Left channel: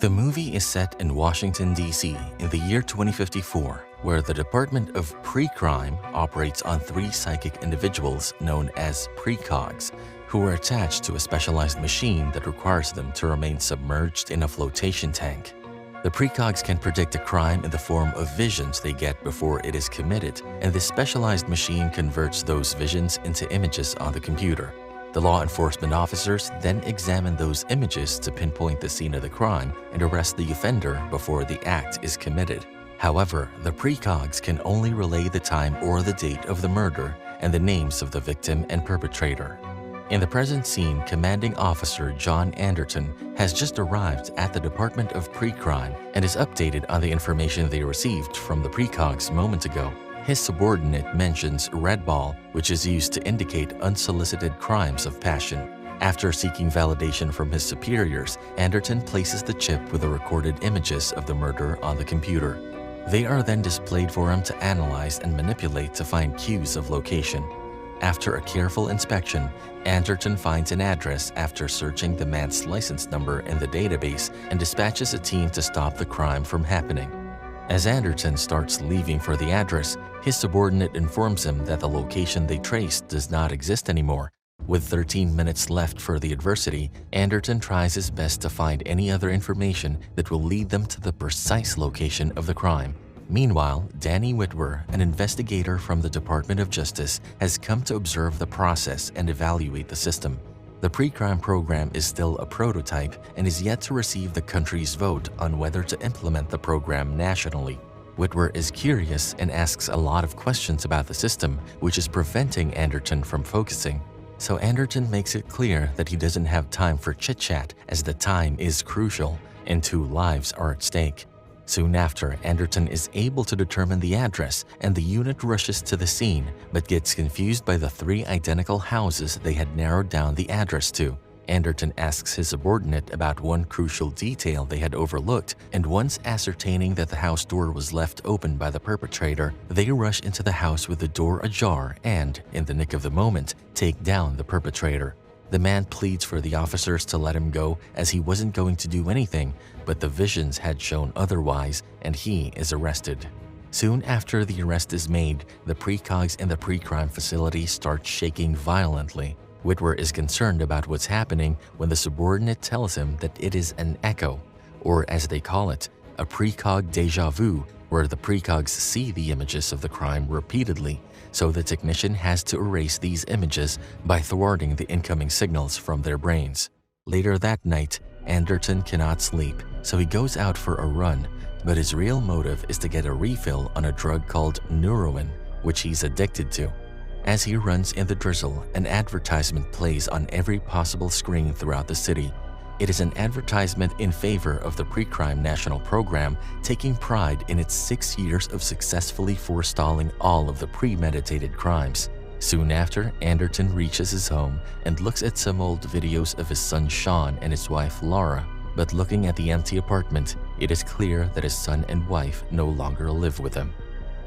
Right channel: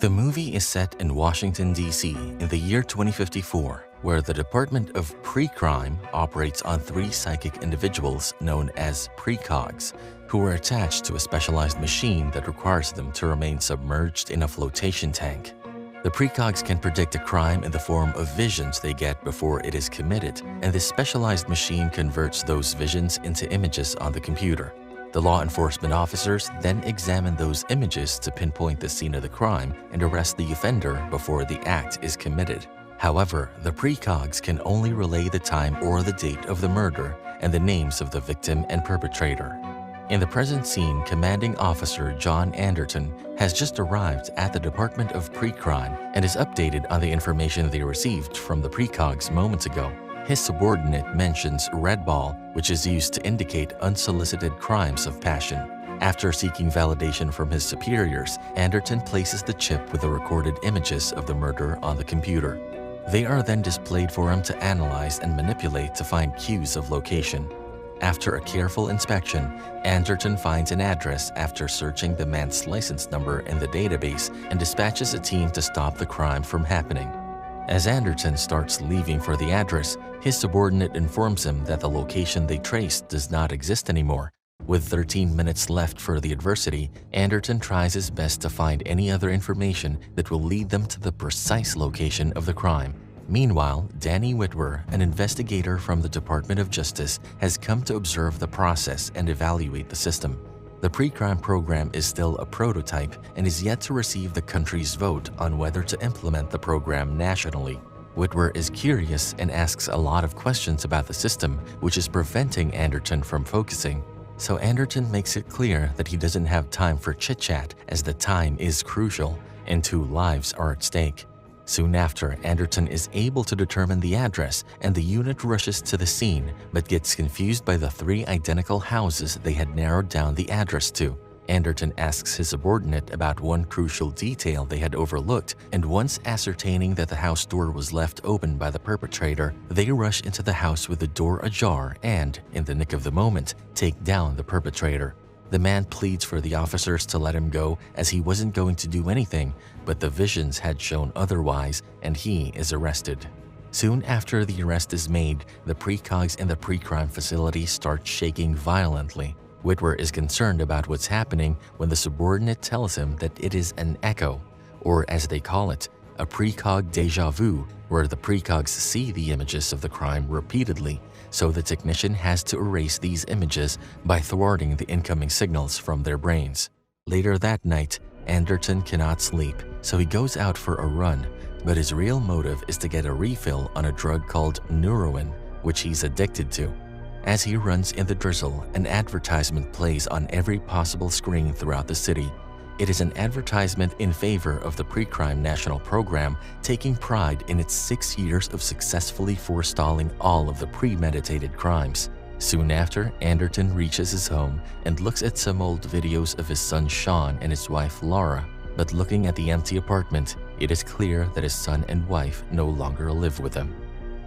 The movie is set in Washington, D.C. in the year 2054, where the Department of Precrime operates on 3 psychic individuals known as precogs, who are attached to a specialized machine that requires them to remain submerged in a flotation tank. The precogs can predict a crime in the form of visions they get before it is committed, and this specialized machine converts those visions into images on the computer. The law enforcement officers then examine those images to pinpoint the scene of the crime and arrest the offender before the act is committed. However, the precogs can only relay the time or the date of the murder and the names of the victim and perpetrator. In the present scene, Commanding Officer John Anderton has just arrived at the Department of Precrime and is updated on the information they received from the precogs moments ago. His subordinate mentions red ball, which is used to indicate unsolicited crimes of passion. After seeking validation from his superiors, Anderton places the chip with the recorded images of the murder on the computer. They are then displayed for him to analyze and manipulate to find cues of location. After a careful inspection, Anderton finds an address after searching the man's license number in the database and dispatches a team to stop the crime from happening. As Anderton starts leaving for the address, his subordinate informs him that the location they traced does not exist anymore. With 13 minutes left for the adversity, Anderton tries his best to find any other information that will lead them to the precise location of the crime. Meanwhile, Danny Witwer, an investigator from the Department of Justice, has come to observe the process and evaluate the system. The Precrime program is still a prototype and is yet to receive the country's vote on whether to implement the program nationally. Witwer is curious and asks a lot of questions about the system, which is preventing Anderton from focusing. So Anderton makes it clear that he doesn't have time for chit-chat, as the time is crucial and 2 lives are at stake. Soon after, Anderton is able to determine the address, and the unit rushes to the scene, but gets confused by the 3 identical houses they had narrowed down the address to. Anderton asks his subordinate about one crucial detail they had overlooked, and once ascertaining that the house door was left open by the perpetrator, they rush into the house with the door ajar and, in the nick of the moment, take down the perpetrator. The man pleads for the officers to let him go as he wasn't going to do anything, but the visions had shown otherwise, and he is arrested. Soon after the arrest is made, the precogs in the precrime facility start shaking violently. Witwer is concerned about what's happening when the subordinate tells him that it is an echo, or as they call it, a precog déjà vu, where the precogs see the images of the crime repeatedly, so the technician has to erase these images by thwarting the incoming signals from their brains. Later that night, Anderton cannot sleep, so he goes out for a run, but his real motive is to get a refill on a drug called neuroin, which he's addicted to. As he runs in the drizzle, an advertisement plays on every possible screen throughout the city. It is an advertisement in favor of the Precrime National Program, taking pride in its 6 years of successfully forestalling all of the premeditated crimes. Soon after, Anderton reaches his home and looks at some old videos of his son Sean and his wife Laura. But looking at the empty apartment, it is clear that his son and wife no longer live with him.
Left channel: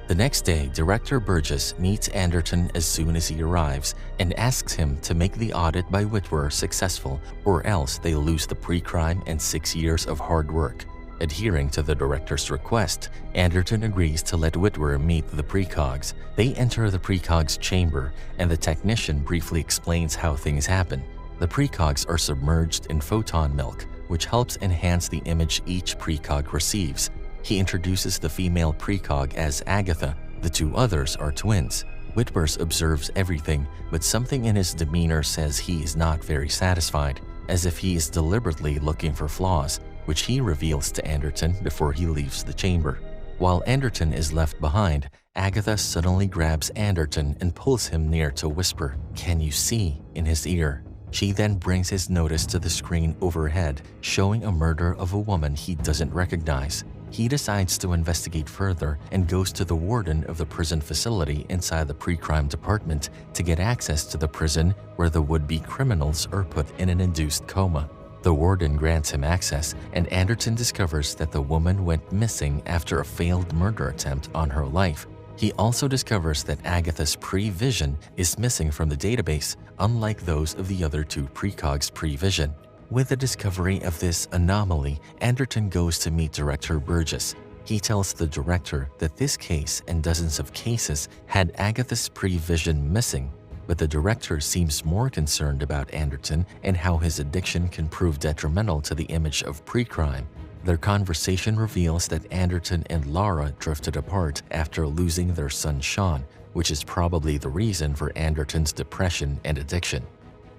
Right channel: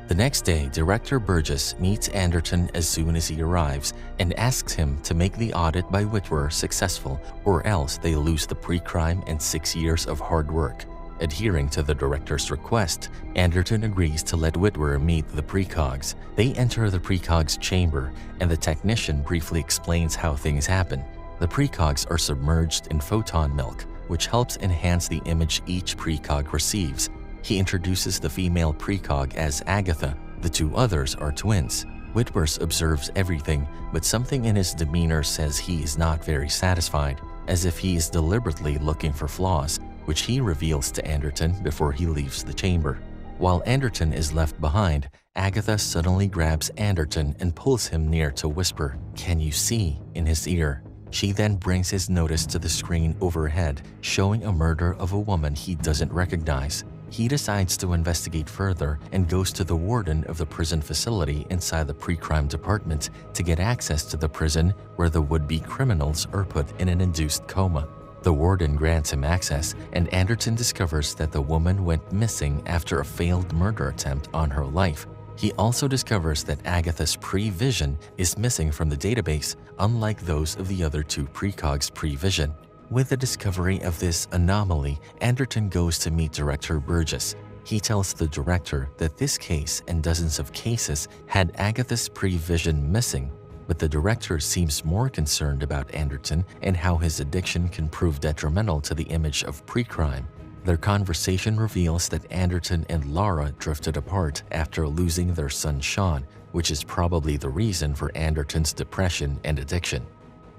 The next day, Director Burgess meets Anderton as soon as he arrives and asks him to make the audit by Witwer successful, or else they lose the precrime and 6 years of hard work. Adhering to the director's request, Anderton agrees to let Witwer meet the precogs. They enter the precogs' chamber, and the technician briefly explains how things happen. The precogs are submerged in photon milk, which helps enhance the image each precog receives. He introduces the female precog as Agatha. The 2 others are twins. Witwer observes everything, but something in his demeanor says he is not very satisfied, as if he is deliberately looking for flaws, which he reveals to Anderton before he leaves the chamber. While Anderton is left behind, Agatha suddenly grabs Anderton and pulls him near to whisper, "Can you see?" in his ear. She then brings his notice to the screen overhead, showing a murder of a woman he doesn't recognize. He decides to investigate further and goes to the warden of the prison facility inside the precrime department to get access to the prison where the would-be criminals are put in an induced coma. The warden grants him access, and Anderton discovers that the woman went missing after a failed murder attempt on her life. He also discovers that Agatha's pre-vision is missing from the database, unlike those of the other 2 precogs' pre-vision. With the discovery of this anomaly, Anderton goes to meet Director Burgess. He tells the director that this case and dozens of cases had Agatha's prevision missing, but the director seems more concerned about Anderton and how his addiction can prove detrimental to the image of Precrime. Their conversation reveals that Anderton and Lara drifted apart after losing their son Sean, which is probably the reason for Anderton's depression and addiction.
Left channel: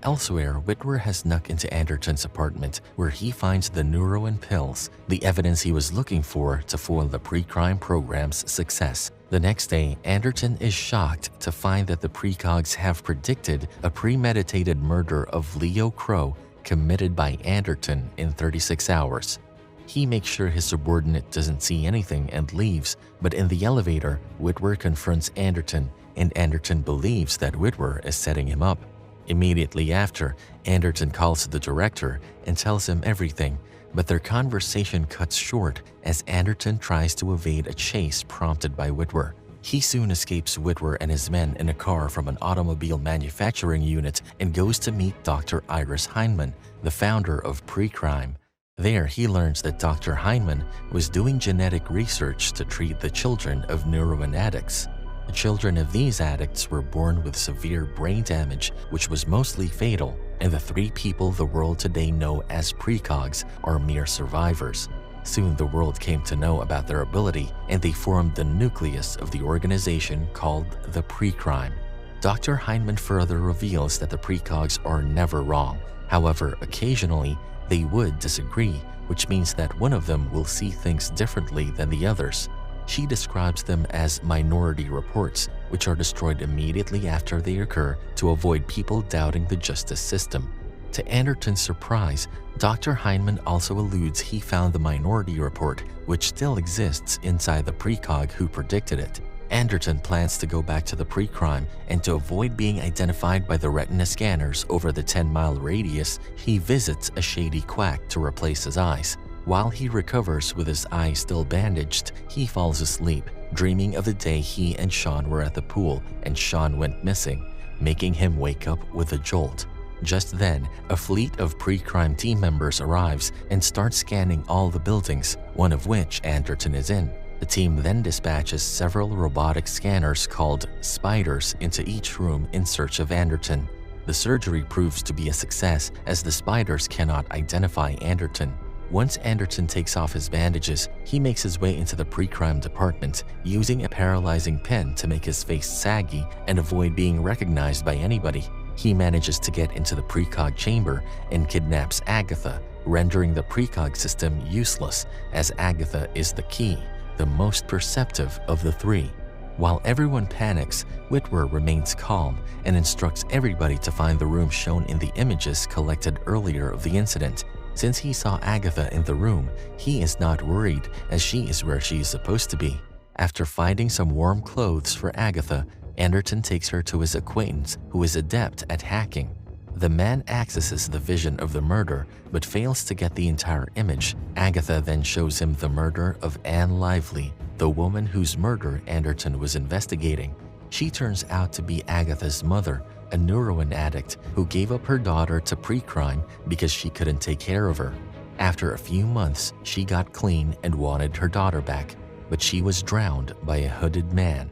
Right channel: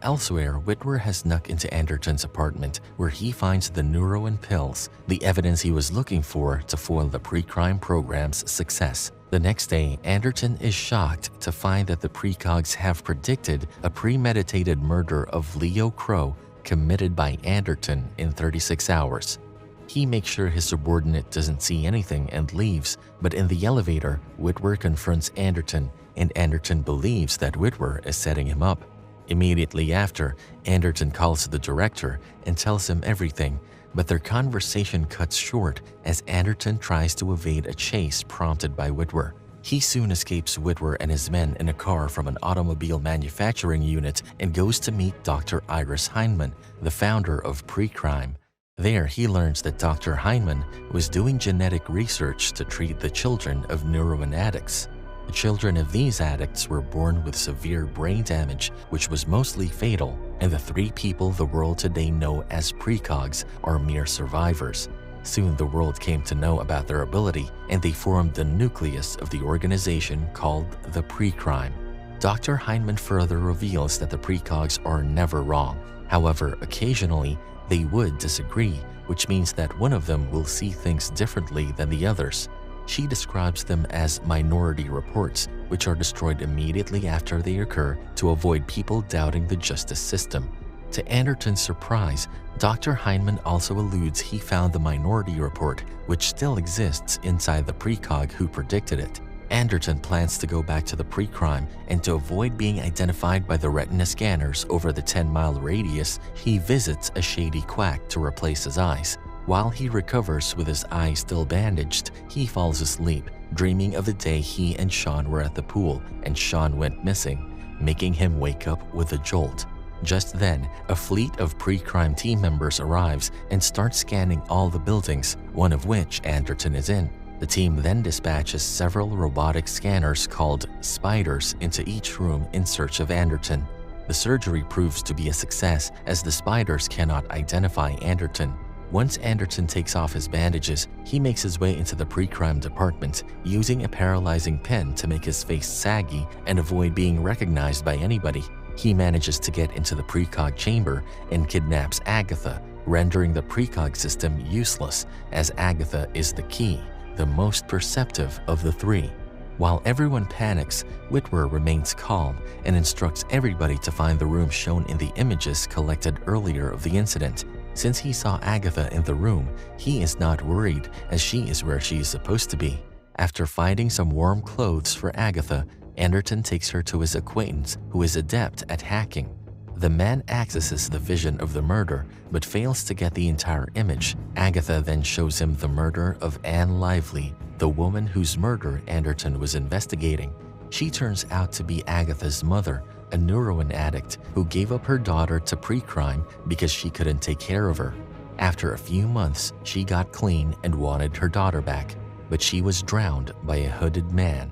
Elsewhere, Witwer has snuck into Anderton's apartment where he finds the Neuroin pills, the evidence he was looking for to foil the Precrime program's success. The next day, Anderton is shocked to find that the precogs have predicted a premeditated murder of Leo Crow committed by Anderton in 36 hours. He makes sure his subordinate doesn't see anything and leaves, but in the elevator, Witwer confronts Anderton, and Anderton believes that Witwer is setting him up. Immediately after, Anderton calls the director and tells him everything, but their conversation cuts short as Anderton tries to evade a chase prompted by Witwer. He soon escapes Witwer and his men in a car from an automobile manufacturing unit and goes to meet Dr. Iris Heinemann, the founder of Precrime. There, he learns that Dr. Heinemann was doing genetic research to treat the children of Neuroin addicts. The children of these addicts were born with severe brain damage, which was mostly fatal, and the 3 people the world today know as precogs are mere survivors. Soon the world came to know about their ability, and they formed the nucleus of the organization called the Precrime. Dr. Heinemann further reveals that the precogs are never wrong. However, occasionally, they would disagree, which means that one of them will see things differently than the others. She describes them as minority reports, which are destroyed immediately after they occur to avoid people doubting the justice system. To Anderton's surprise, Dr. Heinemann also alludes he found the minority report, which still exists inside the precog who predicted it. Anderton plans to go back to the Precrime, and to avoid being identified by the retina scanners over the 10-mile radius, he visits a shady quack to replace his eyes. While he recovers with his eyes still bandaged, he falls asleep, dreaming of the day he and Sean were at the pool and Sean went missing, making him wake up with a jolt. Just then, a fleet of Precrime team members arrives and starts scanning all the buildings, one of which Anderton is in. The team then dispatches several robotic scanners called spiders into each room in search of Anderton. The surgery proves to be a success as the spiders cannot identify Anderton. Once Anderton takes off his bandages, he makes his way into the Precrime department, using a paralyzing pen to make his face saggy and avoid being recognized by anybody. He manages to get into the precog chamber and kidnaps Agatha, rendering the precog system useless, as Agatha is the key, the most perceptive of the 3. While everyone panics, Witwer remains calm and instructs everybody to find the room shown in the images collected earlier of the incident. Since he saw Agatha in the room, he is not worried as she is where she is supposed to be. After finding some warm clothes for Agatha, Anderton takes her to his acquaintance who is adept at hacking. The man accesses the vision of the murder but fails to get the entire image. Agatha then shows him the murder of Anne Lively, the woman whose murder Anderton was investigating. She turns out to be Agatha's mother, a Neuroin addict who gave up her daughter to Precrime because she couldn't take care of her. After a few months, she got clean and wanted her daughter back, but she was drowned by a hooded man.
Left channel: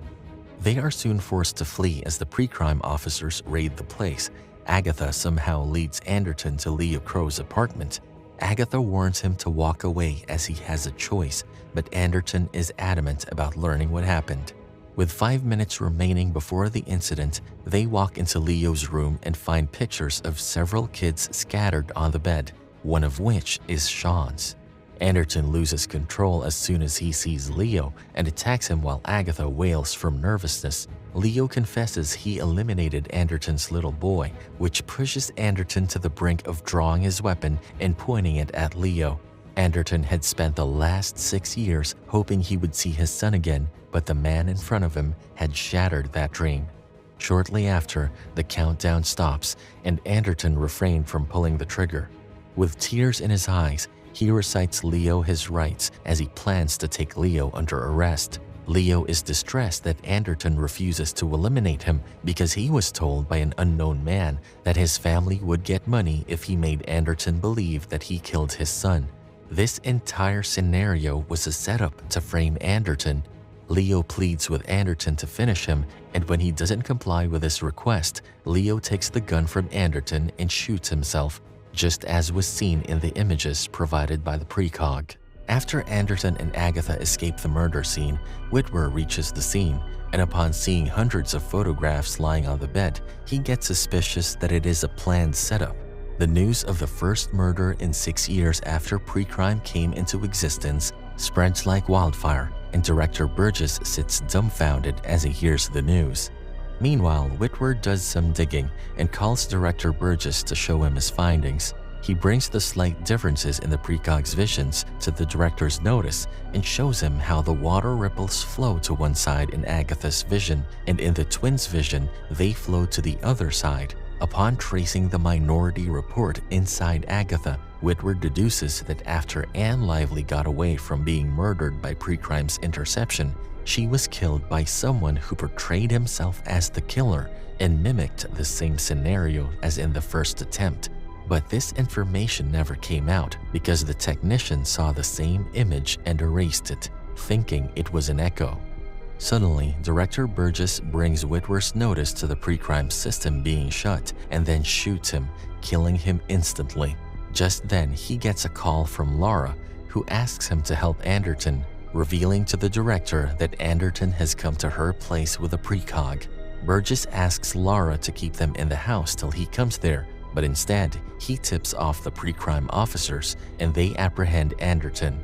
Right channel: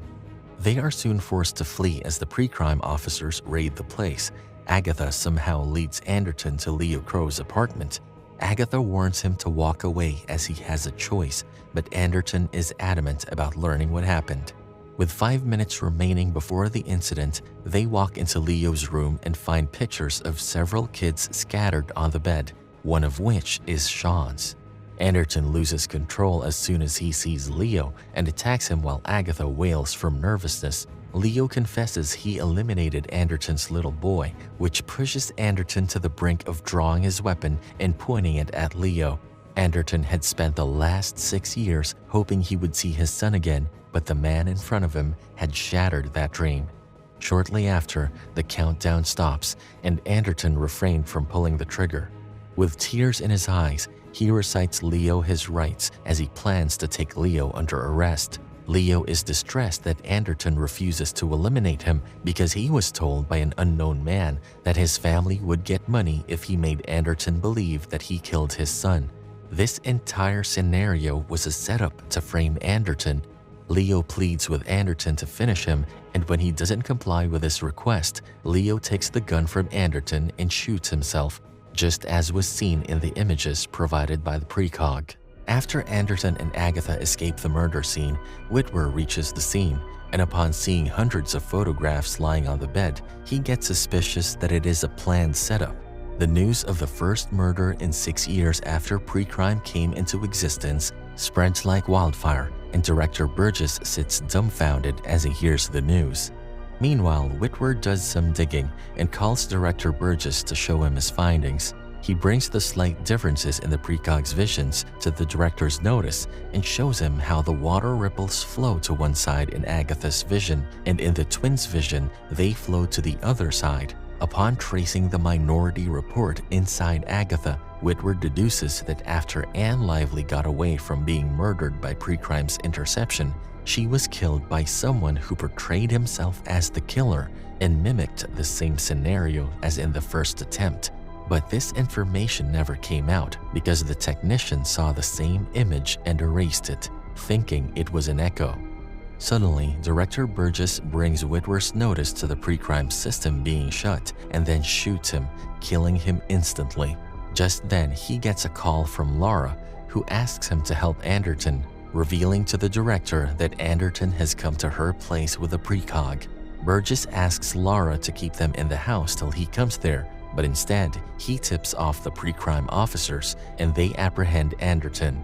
They are soon forced to flee as the Precrime officers raid the place. Agatha somehow leads Anderton to Leo Crow's apartment. Agatha warns him to walk away as he has a choice, but Anderton is adamant about learning what happened. With 5 minutes remaining before the incident, they walk into Leo's room and find pictures of several kids scattered on the bed, one of which is Sean's. Anderton loses control as soon as he sees Leo and attacks him while Agatha wails from nervousness. Leo confesses he eliminated Anderton's little boy, which pushes Anderton to the brink of drawing his weapon and pointing it at Leo. Anderton had spent the last 6 years hoping he would see his son again, but the man in front of him had shattered that dream. Shortly after, the countdown stops, and Anderton refrained from pulling the trigger. With tears in his eyes, he recites Leo his rights as he plans to take Leo under arrest. Leo is distressed that Anderton refuses to eliminate him because he was told by an unknown man that his family would get money if he made Anderton believe that he killed his son. This entire scenario was a setup to frame Anderton. Leo pleads with Anderton to finish him, and when he doesn't comply with his request, Leo takes the gun from Anderton and shoots himself, just as was seen in the images provided by the precog. After Anderton and Agatha escape the murder scene, Witwer reaches the scene, and upon seeing hundreds of photographs lying on the bed, he gets suspicious that it is a planned setup. The news of the first murder in 6 years after Precrime came into existence spreads like wildfire, and Director Burgess sits dumbfounded as he hears the news. Meanwhile, Witwer does some digging and calls Director Burgess to show him his findings. He brings the slight differences in the precog's visions to the director's notice and shows him how the water ripples flow to one side in Agatha's vision, and in the twins' vision, they flow to the other side. Upon tracing the minority report inside Agatha, Witwer deduces that after Anne Lively got away from being murdered by Precrime's interception, she was killed by someone who portrayed himself as the killer and mimicked the same scenario as in the first attempt. But this information never came out because the technician saw the same image and erased it, thinking it was an echo. Suddenly, Director Burgess brings Witwer's notice to the Precrime system being shut and then shoots him, killing him instantly. Just then, he gets a call from Laura, who asks him to help Anderton, revealing to the director that Anderton has come to her place with a precog. Burgess asks Laura to keep them in the house till he comes there, but instead, he tips off the Precrime officers and they apprehend Anderton.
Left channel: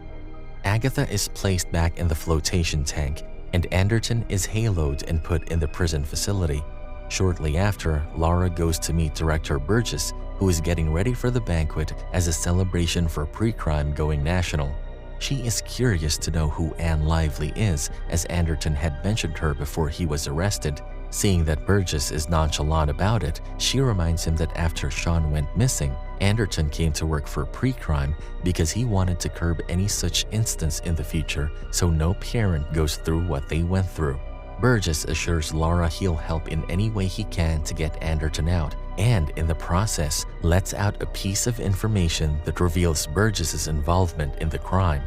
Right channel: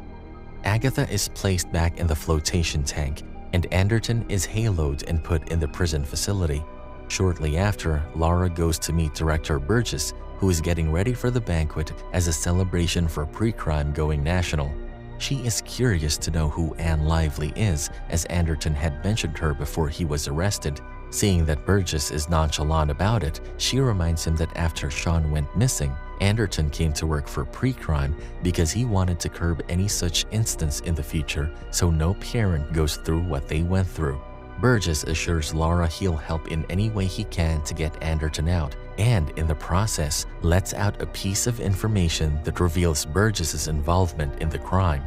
Agatha is placed back in the flotation tank, and Anderton is haloed and put in the prison facility. Shortly after, Laura goes to meet Director Burgess, who is getting ready for the banquet as a celebration for Precrime going national. She is curious to know who Anne Lively is, as Anderton had mentioned her before he was arrested. Seeing that Burgess is nonchalant about it, she reminds him that after Sean went missing, Anderton came to work for Precrime because he wanted to curb any such instance in the future so no parent goes through what they went through. Burgess assures Laura he'll help in any way he can to get Anderton out, and in the process, lets out a piece of information that reveals Burgess's involvement in the crime.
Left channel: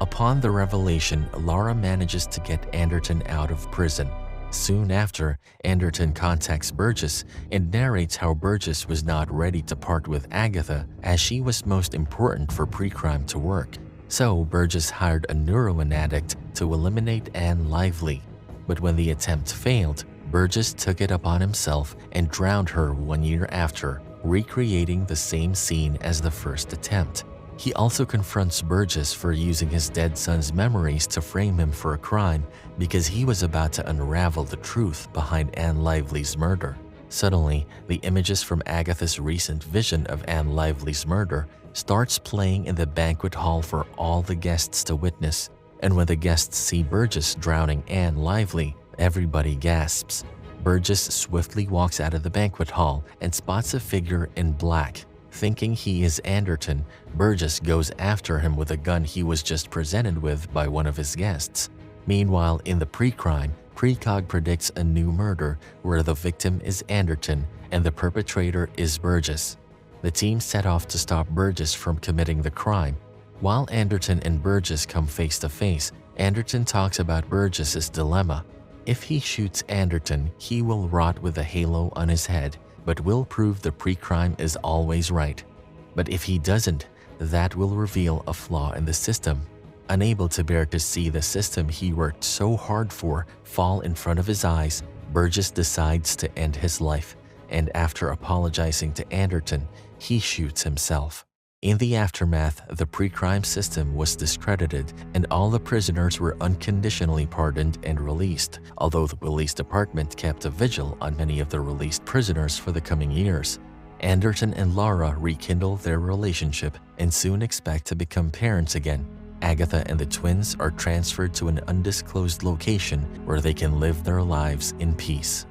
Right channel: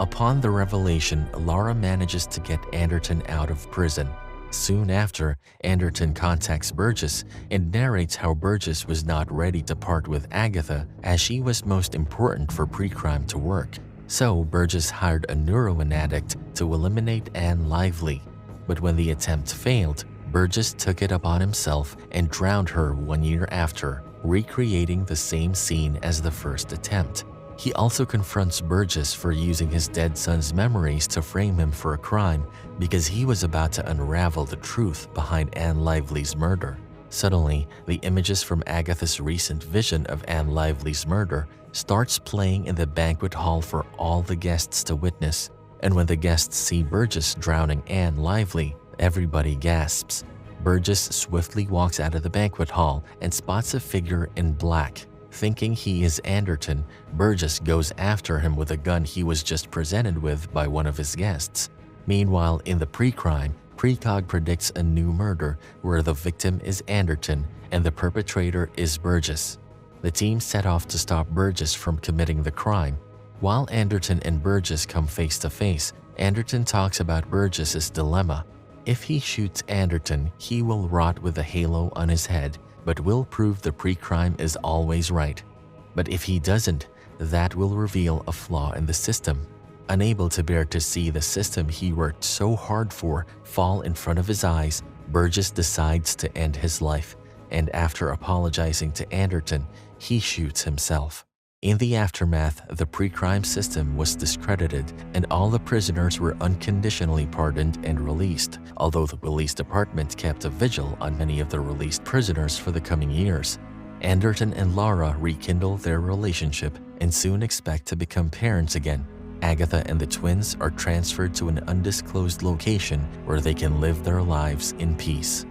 Upon the revelation, Laura manages to get Anderton out of prison. Soon after, Anderton contacts Burgess and narrates how Burgess was not ready to part with Agatha as she was most important for Precrime to work. So Burgess hired a heroin addict to eliminate Anne Lively. But when the attempt failed, Burgess took it upon himself and drowned her 1 year after, recreating the same scene as the first attempt. He also confronts Burgess for using his dead son's memories to frame him for a crime because he was about to unravel the truth behind Anne Lively's murder. Suddenly, the images from Agatha's recent vision of Anne Lively's murder starts playing in the banquet hall for all the guests to witness. And when the guests see Burgess drowning Anne Lively, everybody gasps. Burgess swiftly walks out of the banquet hall and spots a figure in black. Thinking he is Anderton, Burgess goes after him with a gun he was just presented with by one of his guests. Meanwhile, in the Precrime, Precog predicts a new murder where the victim is Anderton and the perpetrator is Burgess. The team set off to stop Burgess from committing the crime. While Anderton and Burgess come face to face, Anderton talks about Burgess's dilemma. If he shoots Anderton, he will rot with a halo on his head, but will prove the Precrime is always right. But if he doesn't, that will reveal a flaw in the system. Unable to bear to see the system he worked so hard for fall in front of his eyes, Burgess decides to end his life, and after apologizing to Anderton, he shoots himself. In the aftermath, the Precrime system was discredited and all the prisoners were unconditionally pardoned and released, although the police department kept a vigil on many of the released prisoners for the coming years. Anderton and Laura rekindle their relationship and soon expect to become parents again. Agatha and the twins are transferred to an undisclosed location where they can live their lives in peace.